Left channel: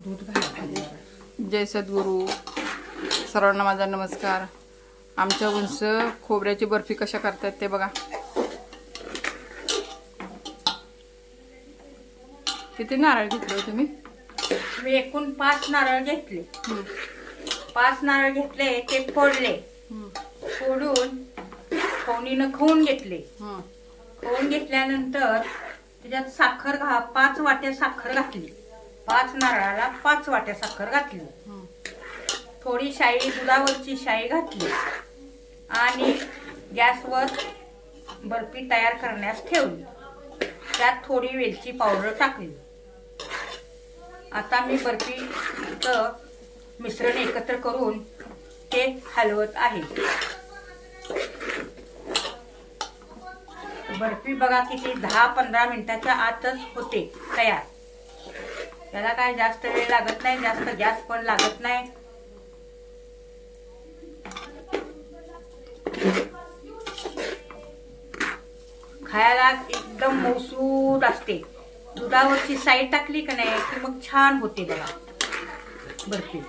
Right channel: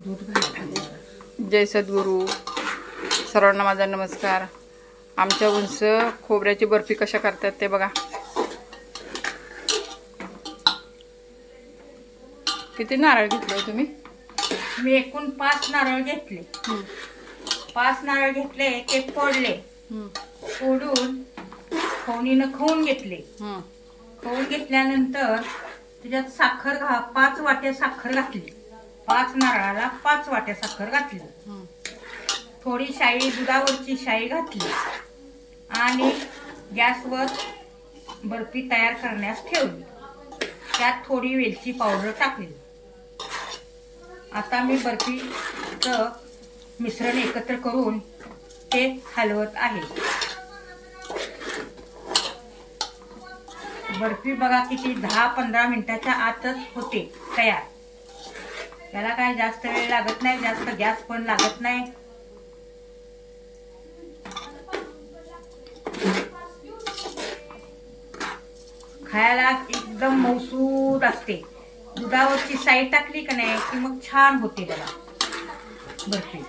जय सद्गुरू. सर्वांना माझा नमस्कार. आमच्या उंच खोबऱ्याची बर्फी कशा करतात ते बघा. किती नारळ घेतले तुम्ही? मी एकूण 5 नारळ घेतले. 5 नारळ घेतले, ते फोडले, फोडून फोडणीनं खाऊन घेतले. खाऊन घेतल्यानंतर त्याच्यात साखर 5 वाट्या साखर घातली. 5 नारळाला 5 वाट्या साखर घातली. थोडी शाई, दुधावरची शाई घातली आणि गॅसवर बर्फी तयार करण्यास ठेवली. त्यात थोडी वेलची पावडर टाकली. आता मी बर्फीचं मिश्रण एकत्र करून ते हलवत आहे. बर्फी बघा किती 10-15 मिनिटाच्या आतच होते तयार. त्याला काय जास्त वेळ लागत नाही, जास्त गॅस पण लागत नाही. खायला एकदम मऊसूत असते. दुधावरची साई टाकली का नाही की मग छान होते बघा बर्फी.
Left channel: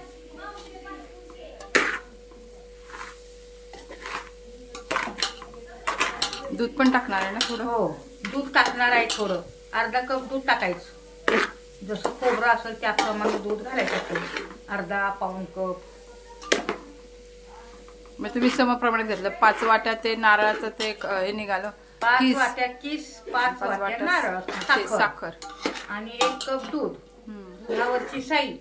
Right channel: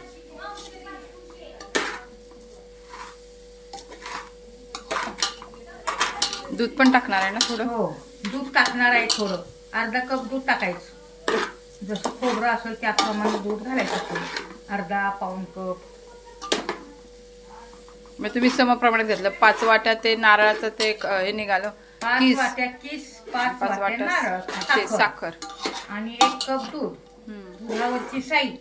दूध पण टाकणार आहे ना थोडं? हो, दूध टाकणार आहे. थोडं अर्धा कप दूध टाकायचं. जसं खोबरं असेल त्याप्रमाणे दूध घालायचं. अर्धा पाऊण कप. मग तुम्ही समप्रमाणात घेतलं. 5 वाट्या ते नारळाचं ते हे निघालं. 5 वाट्या किस, 5 वाट्या नारळ, साखर आणि 1 कप दूध. दुधावरची साई.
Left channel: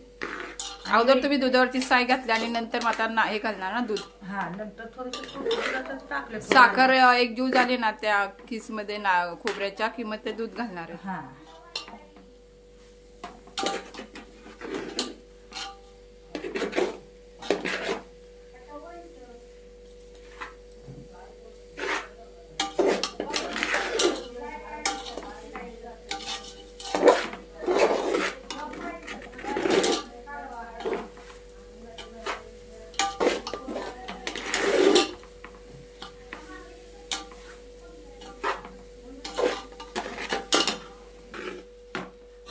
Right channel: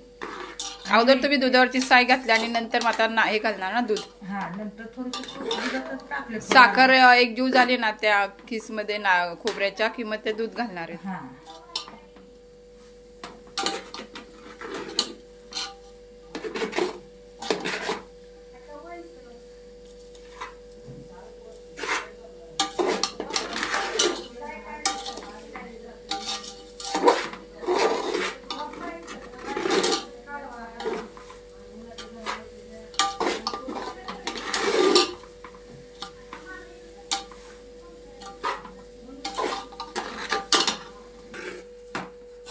अगोदर तुम्ही दुधावरची साई घातली आणि नंतर आता हे घालणार ना दूध? हा, नंतर थोडं साखर एक जीव झाली ना त्या किस मध्ये खोबऱ्याच्या कि मग ते दूध घालणार आहे.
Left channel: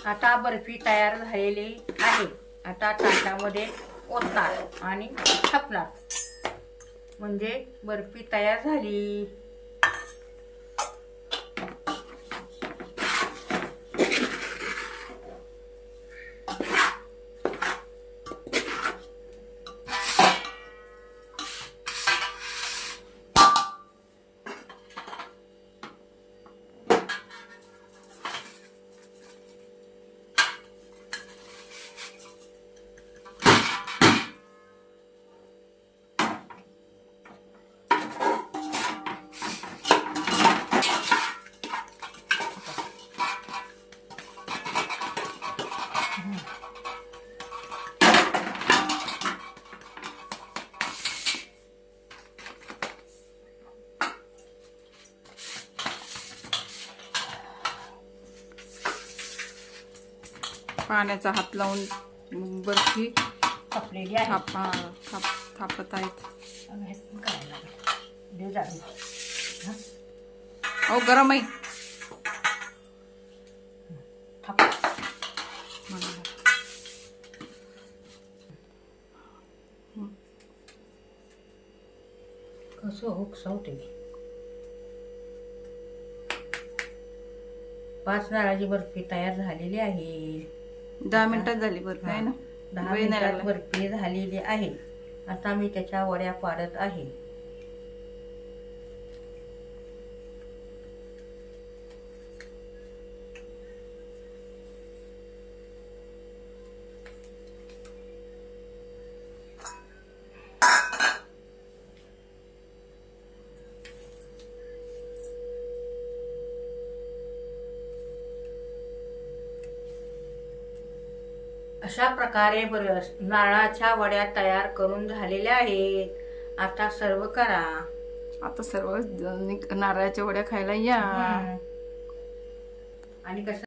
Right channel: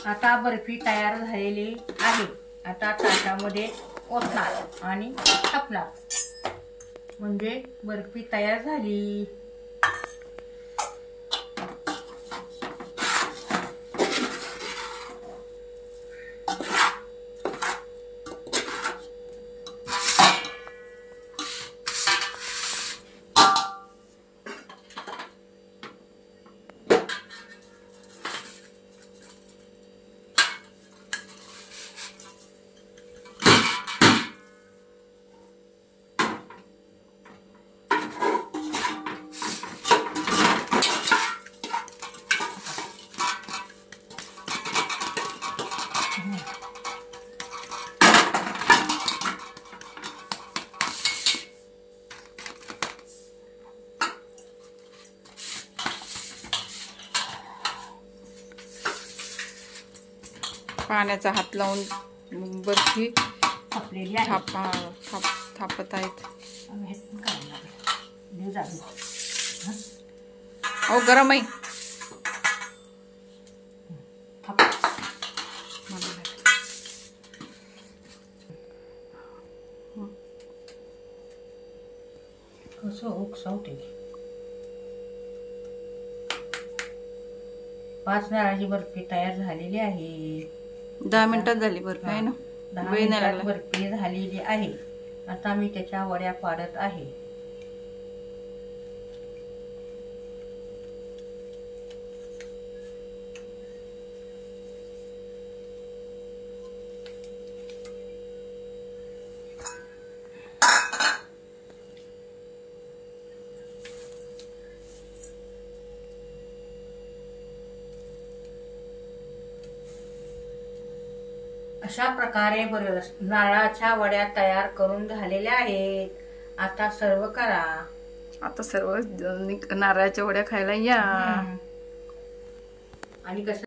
आता बर्फी तयार झालेली आहे. आता ताटामध्ये ओतणार आणि थापणार म्हणजे बर्फी तयार झाली. पाण्याचा हात लावून बर्फी थापत आहेत. हो, गरम आहे. कसं हुकसावते. 5 नारळाची बर्फी तयार झालेली आहे. 10 मिनिटात झाली बर्फी आहे ना? 10 मिनिटात बर्फी झालेली आहे. आता मी त्याच्या वड्या पाडत आहे. अशा प्रकारे नारळाच्या वड्या तयार करून झालेल्या आहेत. आता सर्व करा. आता सर्व नारळाच्या वड्या खायला या. आणि कसं